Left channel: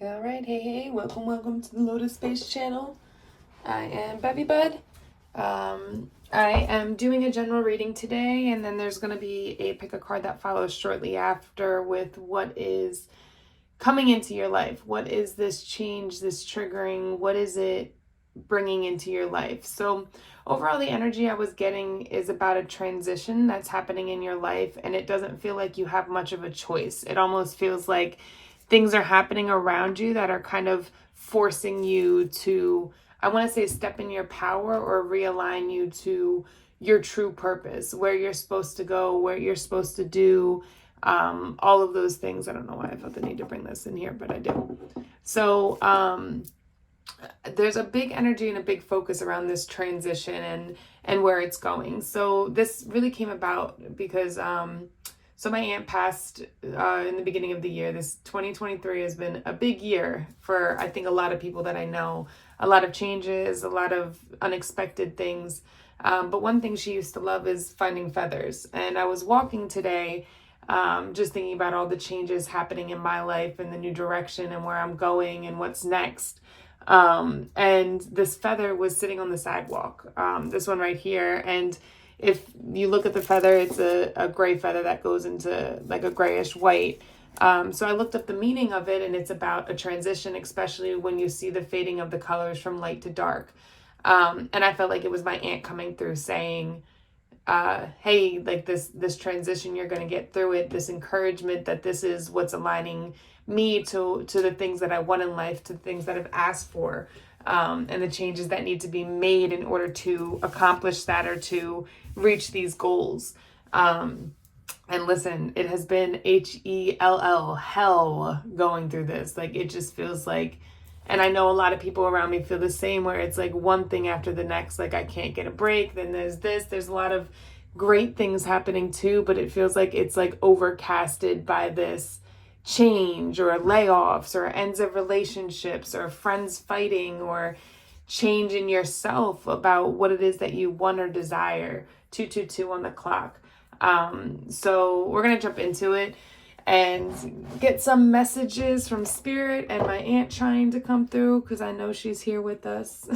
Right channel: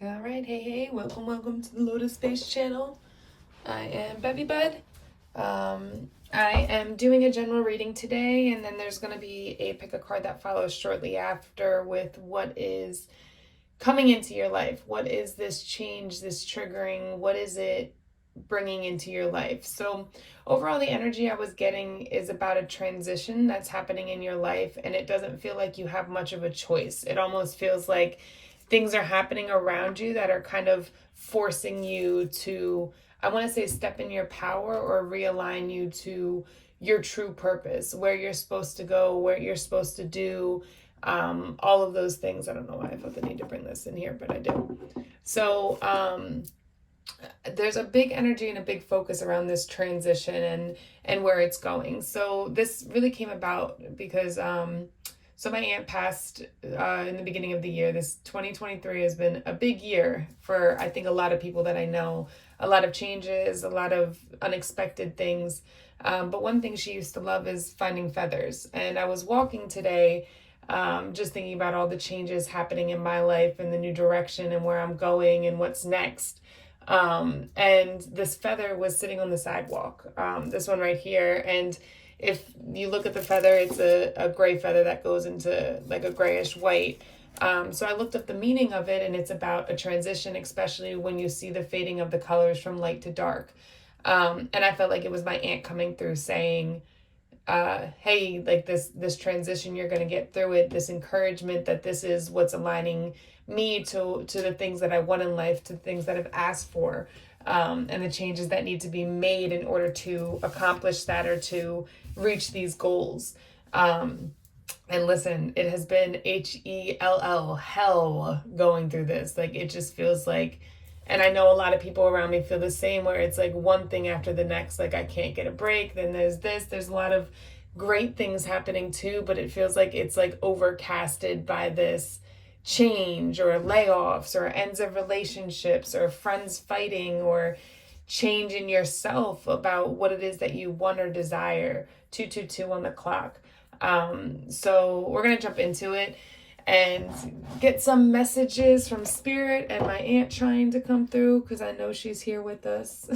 All right, hey, welcome to the Lotus Space channel. I am Bevvybud. I am doing a general reading today, and then there's going to be a pick a card that follows shortly after with what is coming into your life. What is this change, this triggering? What is it bringing into your life? So overall, the energy I was getting is about a transition that's happening in your life, and it doesn't feel like you have much of a choice. It almost feels like things are happening around you that are kind of forcing you to, I want to say, step in your power or realign you to your true purpose, where you're supposed to go, what you're supposed to do, all of those things. I don't know why I felt the need to bring this in here, but I do. So there's a big energy and a big focus around this transition and where it's going. So this really came about because so my aunt passed in the beginning of the year. This 2023 has been a big year for, I think, a lot of people that I know. A lot of changes, a lot of unexpected things. But one thing she used to love is finding feathers. And I was walking today, just thinking about all the changes happening in my life and the new direction and where I'm going and what's next. And this feather was sitting on the sidewalk, this one right here. And if you look at the feather, it's a gray feather that goes into like a grayish white. So I looked up the meaning of it, and it's about a transition, especially when you see the fading of the colors from light to dark. And I felt like it was my aunt coming through saying, hey, like this transition, you're going to get through it, this encouragement that this is what's aligning me to the things that I want in life, to things that I've asked for, and the changes that need to be made in order to accomplish that or to reach these goals. And listen, it has been hell going through this. Like, it just feels like, and I know a lot of people around me feel the same, where it's like one thing after the next. Like, I can't get a break. Then there's this. There's a lot of great things happening too, but it feels like it's like overcasted by this change or layoffs or ends of relationships or friends fighting or change in yourself about what it is that you want or desire. 222 on the clock. So we're going to jump into it and get some messages from Spirit and my aunt trying to come through, because I know she's here with us.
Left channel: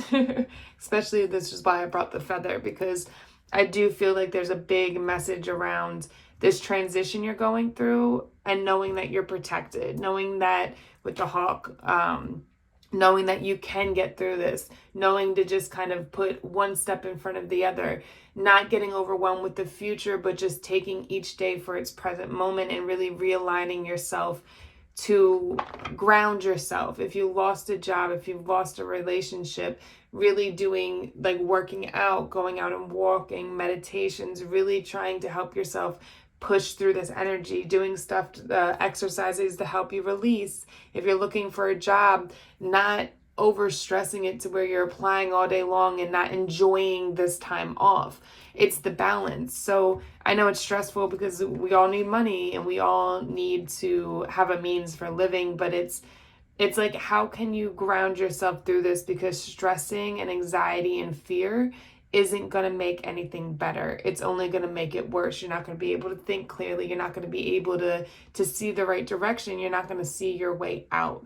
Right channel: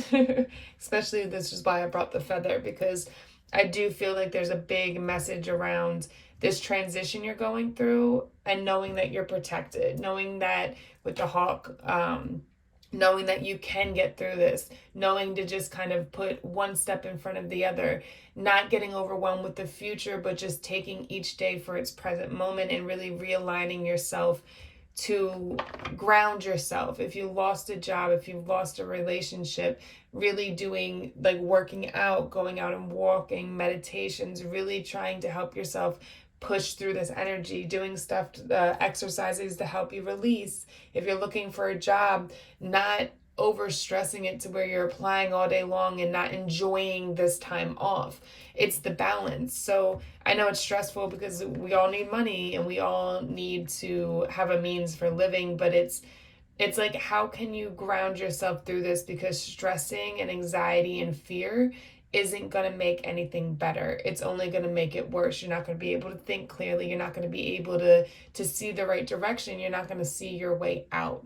Especially, this is why I brought the feather, because I do feel like there's a big message around this transition you're going through, and knowing that you're protected, knowing that with the hawk, knowing that you can get through this, knowing to just kind of put one step in front of the other, not getting overwhelmed with the future, but just taking each day for its present moment and really realigning yourself to ground yourself. If you lost a job, if you've lost a relationship, really doing like working out, going out and walking, meditations, really trying to help yourself push through this energy, doing stuff, exercises to help you release. If you're looking for a job, not over stressing it to where you're applying all day long and not enjoying this time off. It's the balance. So I know it's stressful because we all need money and we all need to have a means for living, but it's like, how can you ground yourself through this? Because stressing and anxiety and fear isn't going to make anything better. It's only going to make it worse. You're not going to be able to think clearly. You're not going to be able to see the right direction. You're not going to see your way out.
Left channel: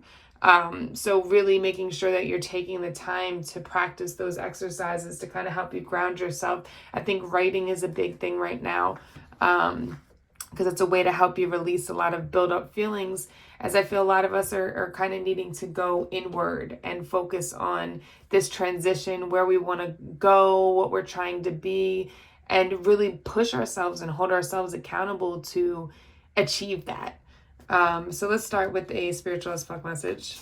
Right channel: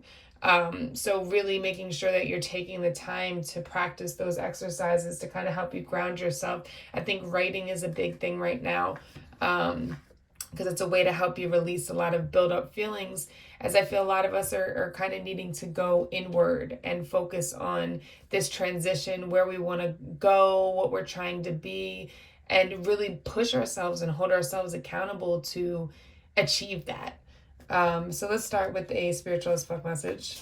So really making sure that you're taking the time to practice those exercises to kind of help you ground yourself. I think writing is a big thing right now, because it's a way to help you release a lot of build up feelings, as I feel a lot of us are kind of needing to go inward and focus on this transition, where we want to go, what we're trying to be, and really push ourselves and hold ourselves accountable to achieve that. So let's start with a spiritual as fuck message.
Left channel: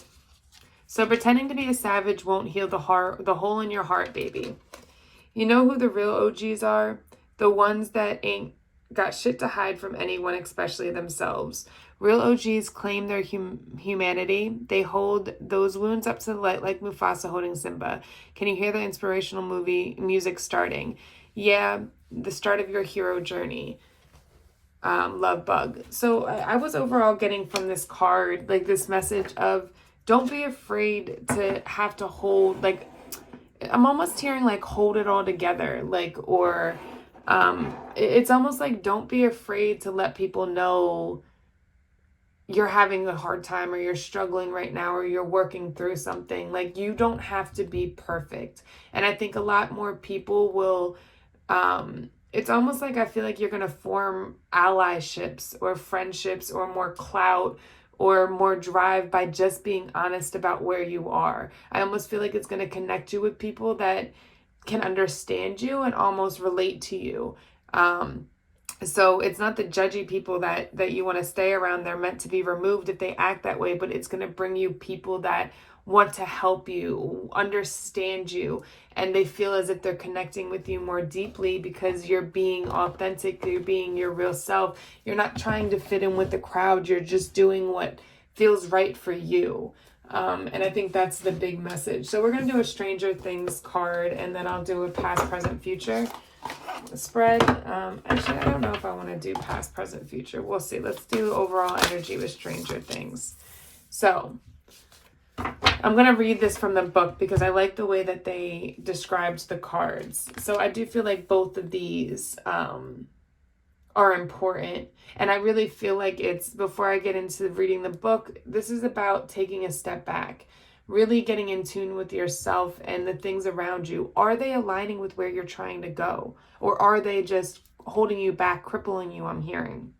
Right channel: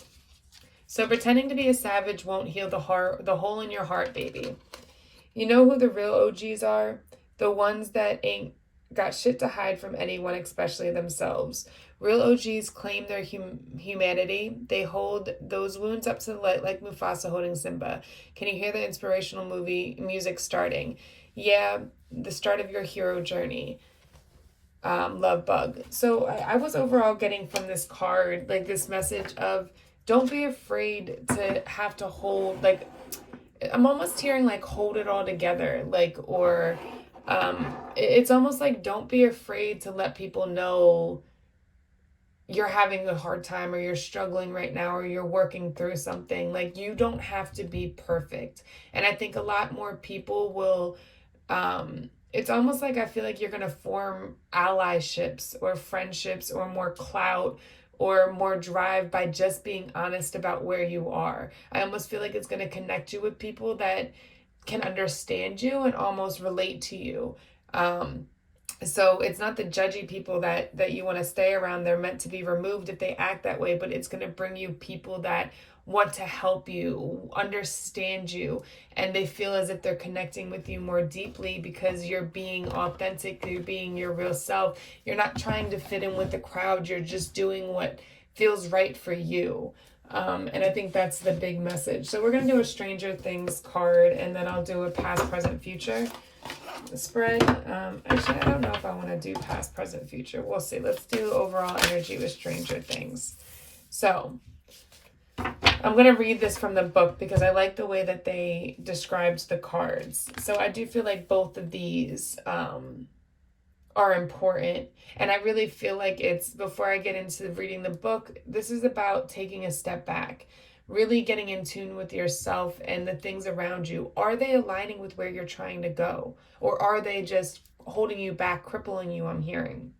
So pretending to be a savage won't heal the hole in your heart, baby. You know who the real OGs are? The ones that ain't got shit to hide from anyone, especially themselves. Real OGs claim their humanity. They hold those wounds up to the light like Mufasa holding Simba. Can you hear the inspirational movie music starting? Yeah, the start of your hero journey. Love bug. So I was overall getting from this card like this message of, don't be afraid to have to hold, like, I'm almost hearing like hold it all together, like, or it's almost like, don't be afraid to let people know you're having a hard time or you're struggling right now or you're working through something. Like, you don't have to be perfect. And I think a lot more people will, it's almost like I feel like you're going to form allyships or friendships or more clout or more drive by just being honest about where you are. I almost feel like it's going to connect you with people that can understand you and almost relate to you. So it's not the judgy people that you want to stay around. They're meant to be removed if they act that way, but it's going to bring you people that want to help you, understand you, and they feel as if they're connecting with you more deeply because you're being authentic, you're being your real self. You're not trying to fit in with the crowd. You're just doing what feels right for you. And I think that's the big message. So we're going to do a Stranger Things card, and then I'll do a past, present, future spread. Actually, I don't know if I want to do past, present, future. We'll see. Let's do overall energy with Stranger Things. So I'm going to read this from the book because I like the way that they described the cards. So I do feel like both of these are important. And I really feel like it's, before I get into reading the book, this is about taking a step back, really getting in tune with yourself and the things around you. Are they aligning with where you're trying to go? Or are they just holding you back, crippling you, I'm hearing?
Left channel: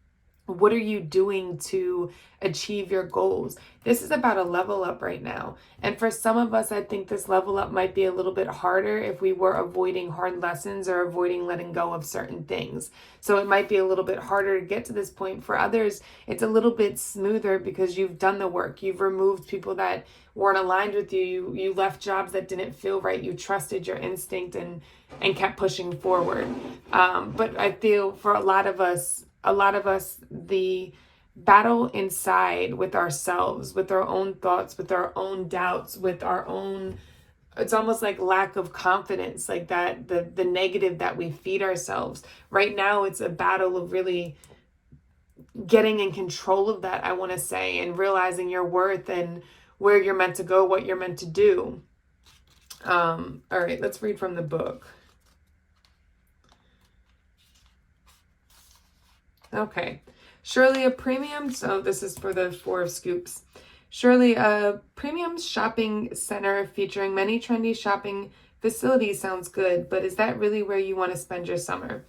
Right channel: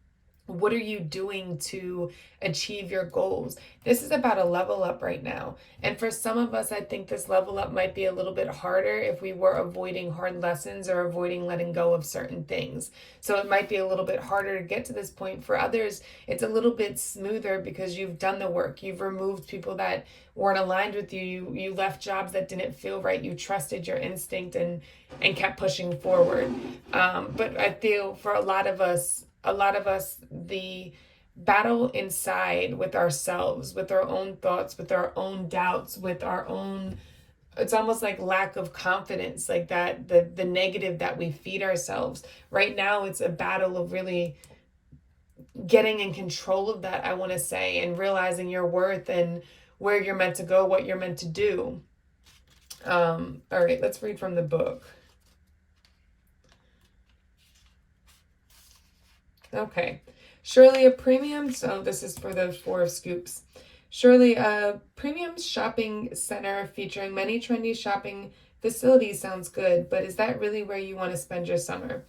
What are you doing to achieve your goals? This is about a level up right now. And for some of us, I think this level up might be a little bit harder if we were avoiding hard lessons or avoiding letting go of certain things. So it might be a little bit harder to get to this point. For others, it's a little bit smoother because you've done the work. You've removed people that weren't aligned with you. You left jobs that didn't feel right. You trusted your instinct and kept pushing forward. But I feel for a lot of us, the battle inside with ourselves, with our own thoughts, with our own doubts, with our own, it's almost like lack of confidence, like that, the negative that we feed ourselves. Right now, it's a battle of really getting in control of that, I want to say, and realizing your worth and where you're meant to go, what you're meant to do. All right, let's read from the book. Okay. Surely a premium, so this is for the 4 of Scoops. Surely a premium shopping center featuring many trendy shopping facilities sounds good, but is that really where you want to spend your summer?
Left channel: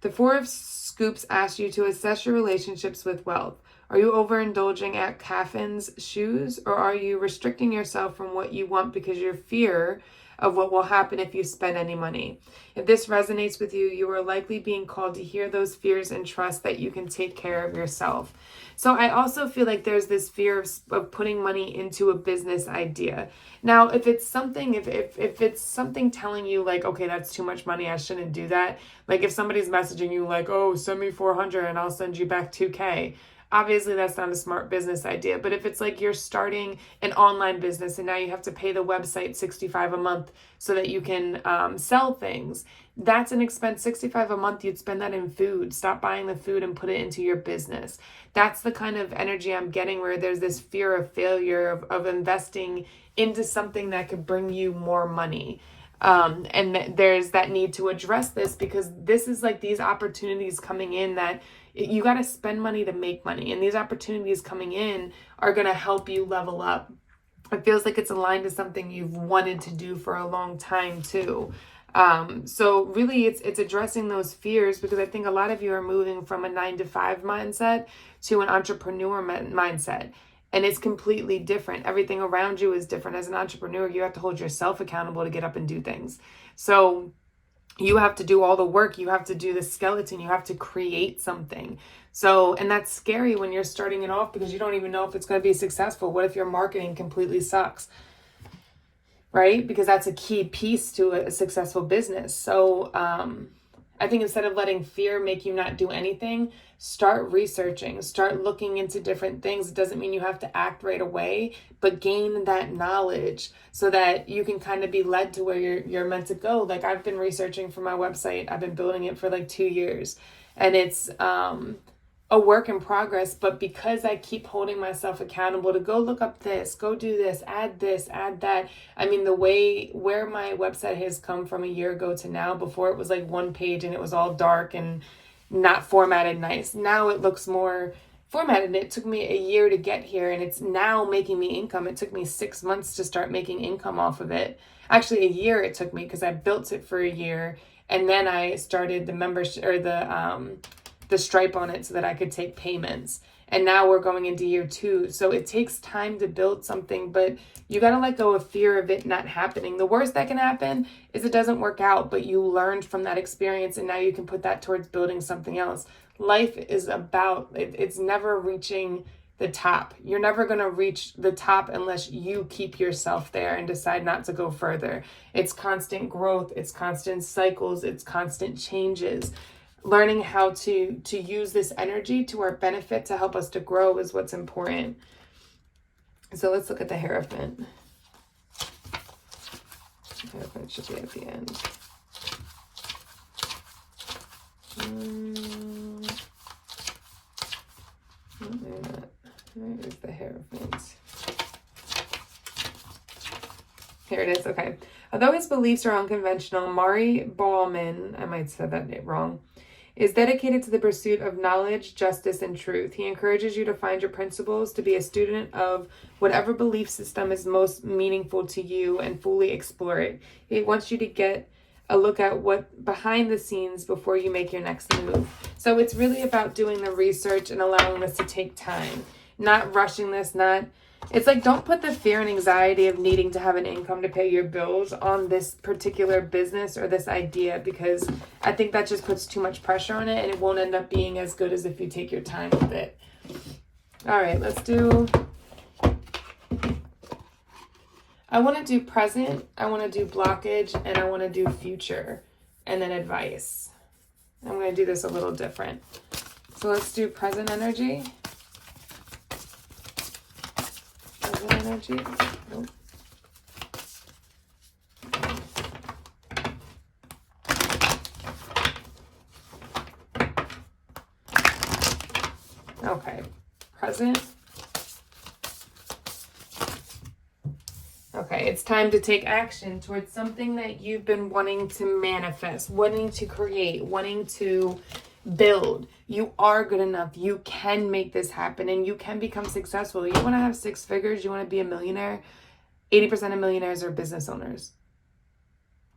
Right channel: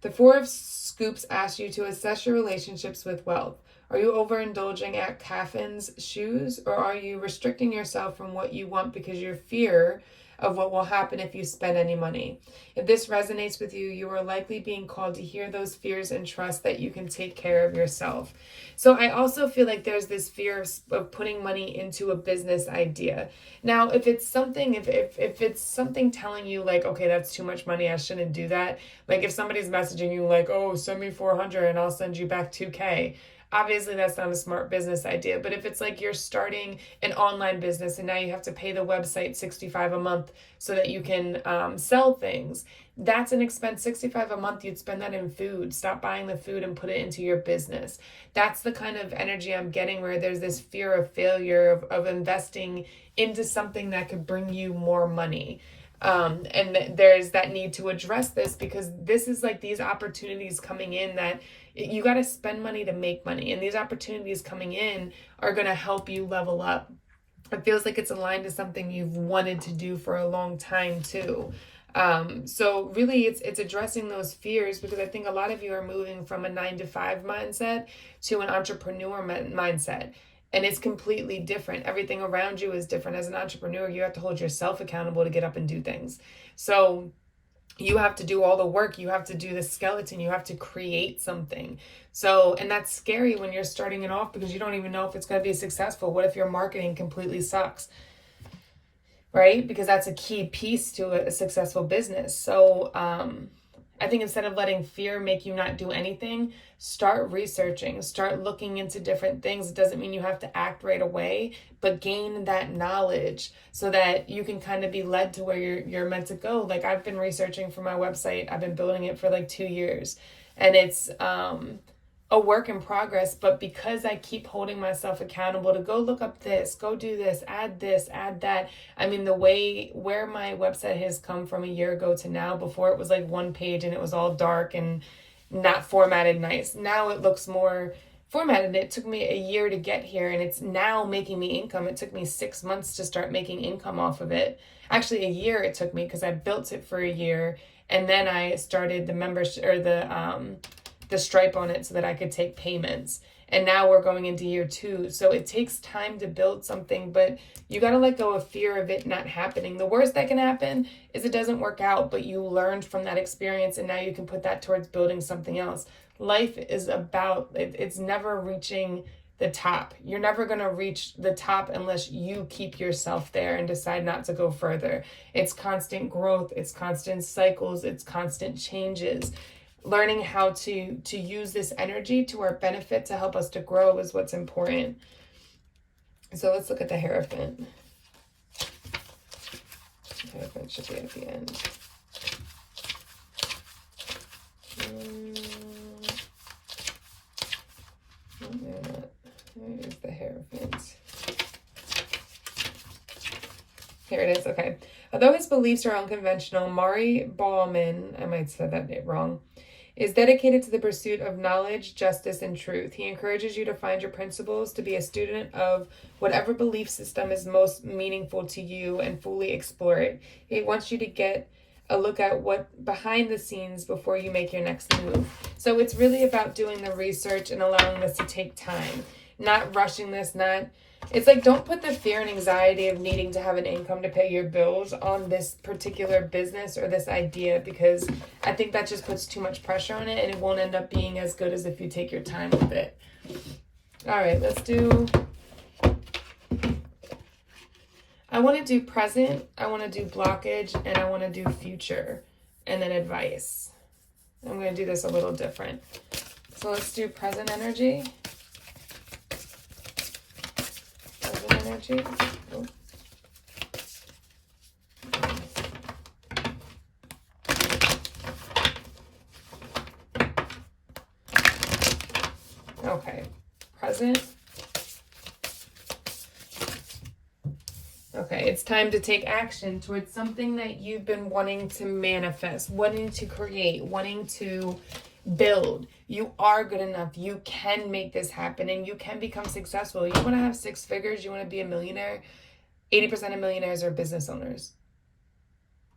The 4 of Scoops asks you to assess your relationships with wealth. Are you overindulging at Caffin's shoes, or are you restricting yourself from what you want because you fear of what will happen if you spend any money? If this resonates with you, you are likely being called to hear those fears and trust that you can take care of yourself. So I also feel like there's this fear of putting money into a business idea. Now, if it's something, if it's something telling you like, okay, that's too much money, I shouldn't do that. Like if somebody's messaging you like, oh, send me 400 and I'll send you back 2K. Obviously, that's not a smart business idea. But if it's like you're starting an online business and now you have to pay the website $65 a month so that you can sell things, that's an expense. $65 a month, you'd spend that in food. Stop buying the food and put it into your business. That's the kind of energy I'm getting, where there's this fear of failure, of investing into something that could bring you more money. And there's that need to address this, because this is like these opportunities coming in that you got to spend money to make money. And these opportunities coming in are going to help you level up. It feels like it's aligned to something you've wanted to do for a long time too. So really it's addressing those fears, because I think a lot of you are moving from a 9-to-5 mindset to an entrepreneur mindset. And it's completely different. Everything around you is different. As an entrepreneur, you have to hold yourself accountable to get up and do things. So you have to do all the work. You have to do the skeleton. You have to create something. So, and that's scary when you're starting it off, because you don't even know if it's going to be successful. What if your marketing completely sucks? Right? Because that's a key piece to a successful business. So, I think instead of letting fear make you not do anything, start researching, start looking into different things. It doesn't mean you have to act right away, but gain that knowledge so that you can kind of be led to where you're meant to go. Like I've been researching for my website. I've been building it for like 2 years, and it's a work in progress, but because I keep holding myself accountable to go look up this, go do this, add that. I mean, where my website has come from a year ago to now, before it was like one page and it was all dark and not formatted nice. Now it looks more formatted it. It took me a year to get here, and it's now making me income. It took me 6 months to start making income off of it. Actually, a year it took me, because I built it for a year, and then I started the membership, or the Stripe on it, so that I could take payments. And now we're going into year 2. So it takes time to build something, but you got to let go of fear of it not happening. The worst that can happen is it doesn't work out, but you learned from that experience, and now you can put that towards building something else. Life is about, it's never reaching the top. You're never going to reach the top unless you keep yourself there and decide not to go further. It's constant growth. It's constant cycles. It's constant changes. Learning how to use this energy to our benefit to help us to grow is what's important. So let's look at the Hierophant. The Hierophant should be at the end. Where is the Hierophant? Here it is. Okay. Although his beliefs are unconventional, Mari Bauman, I might have said that wrong, is dedicated to the pursuit of knowledge, justice, and truth. He encourages you to find your principles, to be a student of whatever belief system is most meaningful to you, and fully explore it. He wants you to get a look at what behind the scenes before you make your next move. So it's really about doing the research and allowing this to take time, not rushing this, it's like, don't put the fear and anxiety of needing to have an income to pay your bills on this particular business or this idea, because I think that just puts too much pressure on it, and it won't end up being as good as if you take your time with it. All right, let's do, I want to do present, I want to do blockage, and I want to do future, and then advice. I'm going to do this a little different. So let's do present energy. Energy. Nope. Okay, present. Okay, it's time to take action towards something that you've been wanting to manifest, wanting to create, wanting to build. You are good enough. You can make this happen, and you can become successful. You want to have 6 figures, you want to be a millionaire. 80% of millionaires are business owners.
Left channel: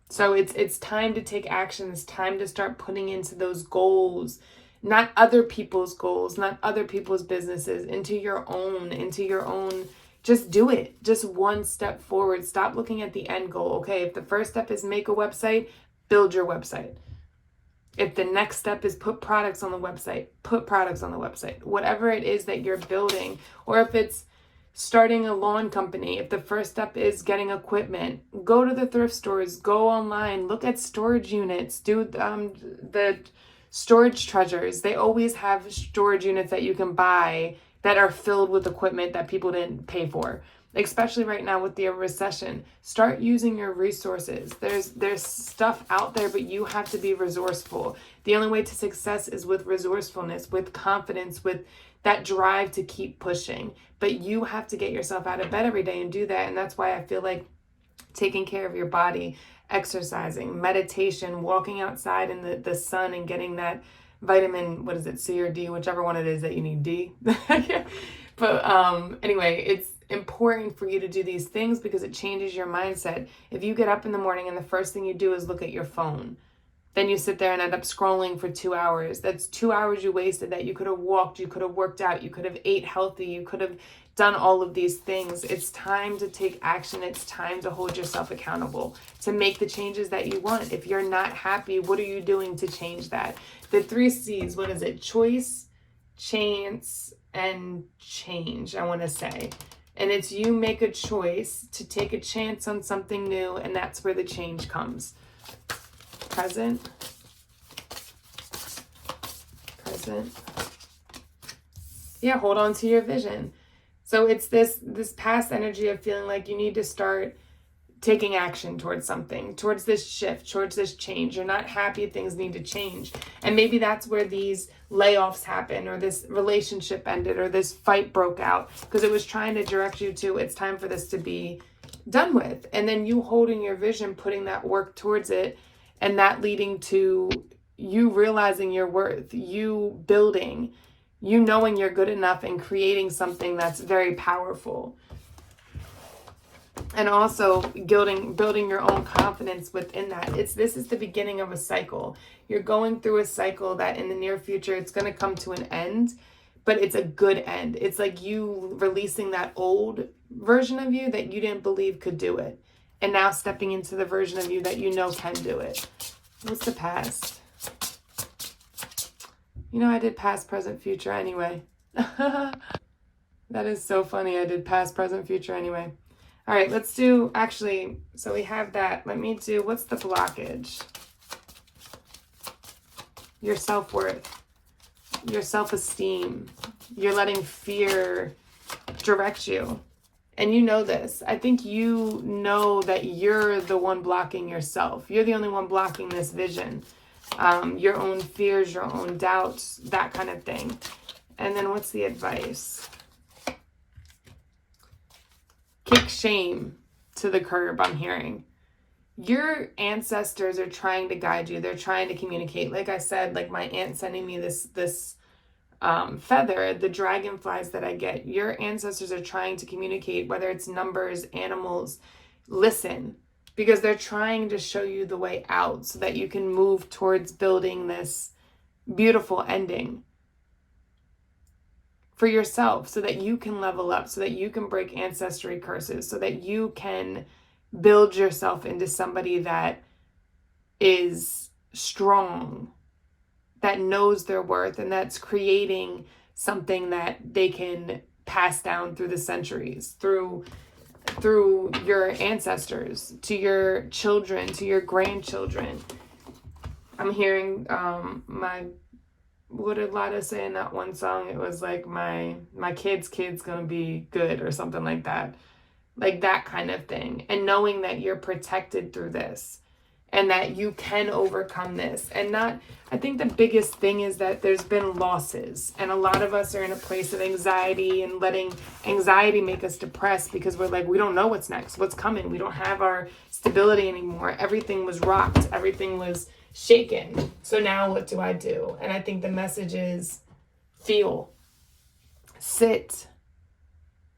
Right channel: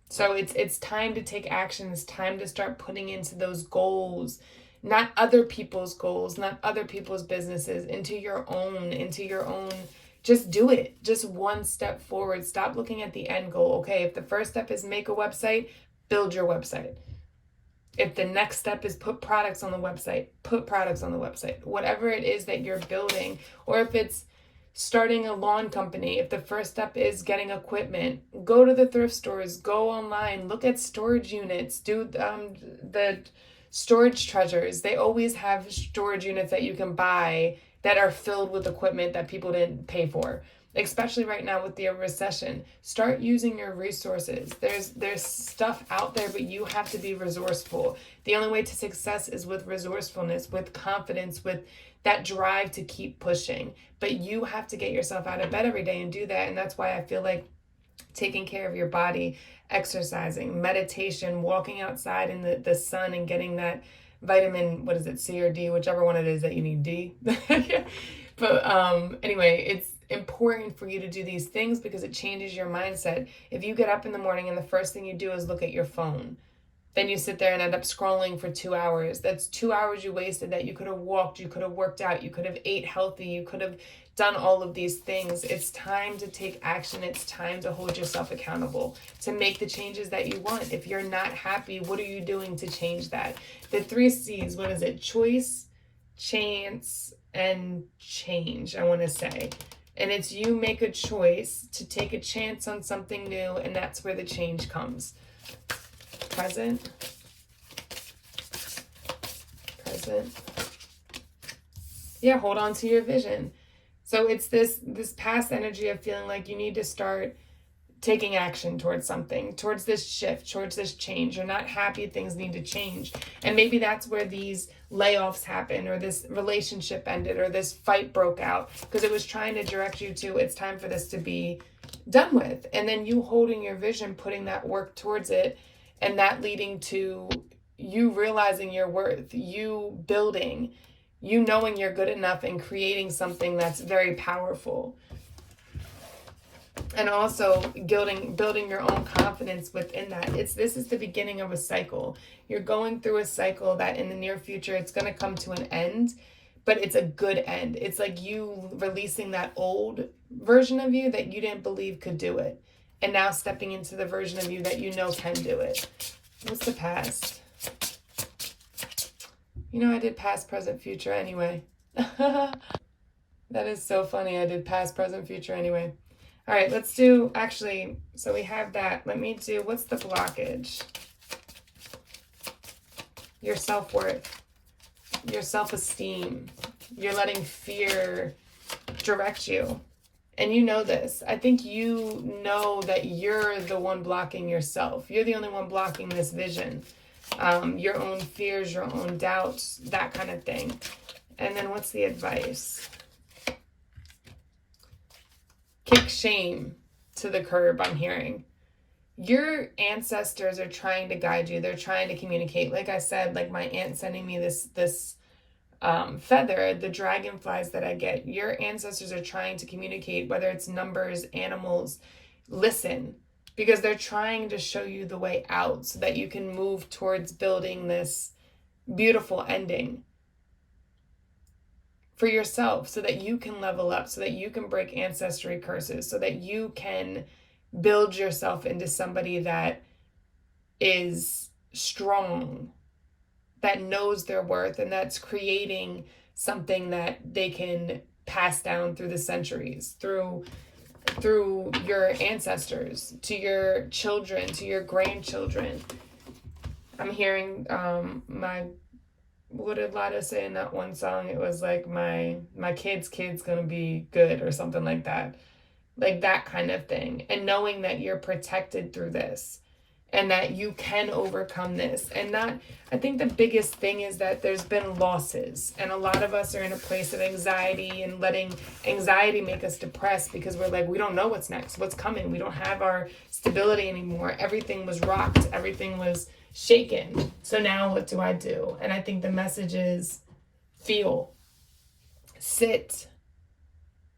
So it's time to take action. It's time to start putting into those goals, not other people's goals, not other people's businesses, into your own. Just do it. Just one step forward. Stop looking at the end goal. Okay, if the first step is make a website, build your website. If the next step is put products on the website, put products on the website. Whatever it is that you're building, or if it's starting a lawn company, if the first step is getting equipment, go to the thrift stores, go online, look at storage units, do the storage treasures. They always have storage units that you can buy that are filled with equipment that people didn't pay for. Especially right now with the recession, start using your resources. There's stuff out there, but you have to be resourceful. The only way to success is with resourcefulness, with confidence, with that drive to keep pushing. But you have to get yourself out of bed every day and do that. And that's why I feel like taking care of your body, exercising, meditation, walking outside in the sun and getting that vitamin, what is it, C or D, whichever one it is that you need, D. But anyway, it's important for you to do these things because it changes your mindset. If you get up in the morning and the first thing you do is look at your phone, then you sit there and end up scrolling for 2 hours. That's 2 hours you wasted that you could have walked, you could have worked out, you could have ate healthy, you could have done all of these things. It's time to take action. It's time to hold yourself accountable, to make the changes that you want. If you're not happy, what are you doing to change that? The 3 C's, what is it? Choice, chance, and change, I want to say. And it's you make a choice to take a chance on something new, and that's where the change comes. Present. Yeah, hold on to your vision. So it's this past energy of feeling like you need to start taking action towards something, towards this shift, towards this change. You're not happy, things need to change. And maybe that's where these layoffs happen, or this relationship ended, or this fight broke out, because it was trying to direct you to, it's time for this to be done with. And then you holding your vision, putting that work towards it, and that leading to you realizing your worth, you building, You knowing you're good enough and creating something that's very powerful. And also building your own confidence within that. This is the beginning of a cycle. You're going through a cycle that in the near future, it's going to come to an end, but it's a good end. It's like you releasing that old version of you that you didn't believe could do it. And now stepping into the version of you that you know can do it. What's the past? You know, I did past, present, future anyway. That is so funny. I did past, present, future anyway. All right, let's do, actually, so we have that. Let me do, what's the blockage? Your self-worth, your self-esteem. You're letting fear direct you. And you know this. I think you know that you're the one blocking yourself. You're the only one blocking this vision. Your own fears, your own doubts, that kind of thing. And then what's the advice? Kick shame to the curb, I'm hearing. Your ancestors are trying to guide you. They're trying to communicate. Like I said, like my aunt sending me this feather, the dragonflies that I get. Your ancestors are trying to communicate, whether it's numbers, animals. Listen, because they're trying to show you the way out so that you can move towards building this beautiful ending for yourself, so that you can level up, so that you can break ancestry curses, so that you can build yourself into somebody that is strong, that knows their worth, and that's creating something that they can pass down through the centuries, through your ancestors, to your children, to your grandchildren. I'm hearing what did Lotus say in that one song? It was like my kid's gonna be good or something like that. Like that kind of thing. And knowing that you're protected through this and that you can overcome this. And I think the biggest thing is that there's been losses. And a lot of us are in a place of anxiety and letting anxiety make us depressed because we're like, we don't know what's next, what's coming. We don't have our stability anymore. Everything was rocked. Everything was shaken. So now what do I do? And I think the message is feel, sit,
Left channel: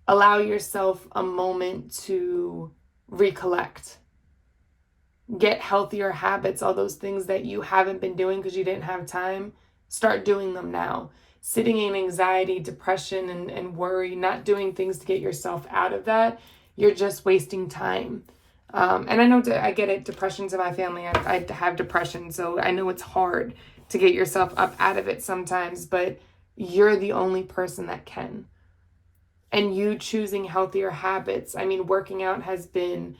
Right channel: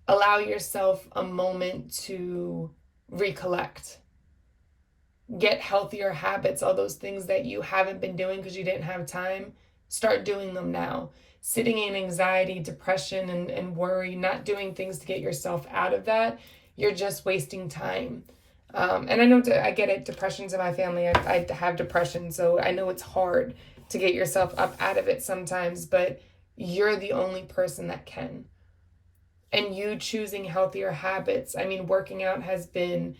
allow yourself a moment to recollect, get healthier habits, all those things that you haven't been doing because you didn't have time. Start doing them now. Sitting in anxiety, depression, and worry, not doing things to get yourself out of that, you're just wasting time. And I know I get it. Depression's in my family. I have depression, so I know it's hard to get yourself up out of it sometimes, but you're the only person that can. And you choosing healthier habits. I mean, working out has been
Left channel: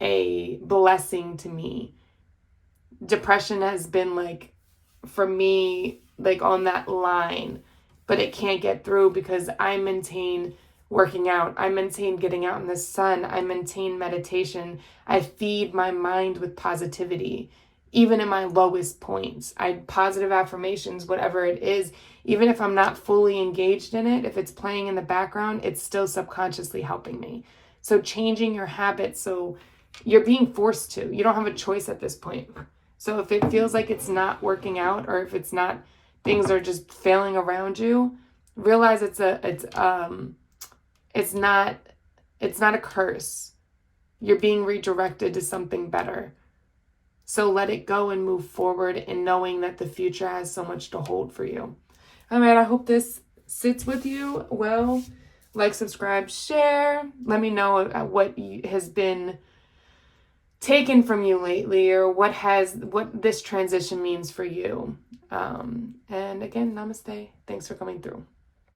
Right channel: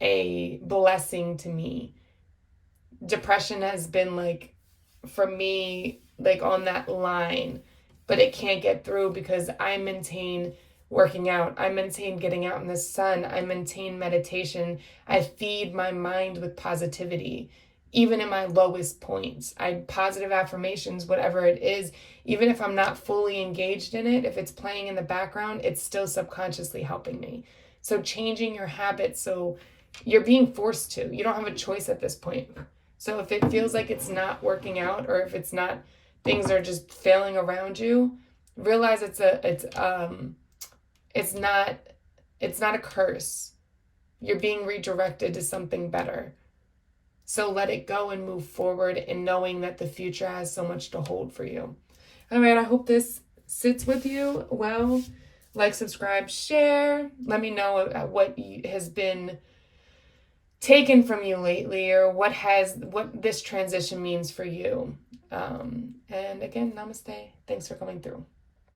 a blessing to me. Depression has been like, for me, like on that line, but it can't get through because I maintain working out. I maintain getting out in the sun. I maintain meditation. I feed my mind with positivity. Even in my lowest points, positive affirmations, whatever it is, even if I'm not fully engaged in it, if it's playing in the background, it's still subconsciously helping me. So changing your habits, so you're being forced to. You don't have a choice at this point. So if it feels like it's not working out, or if it's not, things are just failing around you, realize it's not a curse. You're being redirected to something better. So let it go and move forward, and knowing that the future has so much to hold for you. All right, I hope this sits with you well. Like, subscribe, share. Let me know what has been taken from you lately, or what this transition means for you. And again, namaste. Thanks for coming through.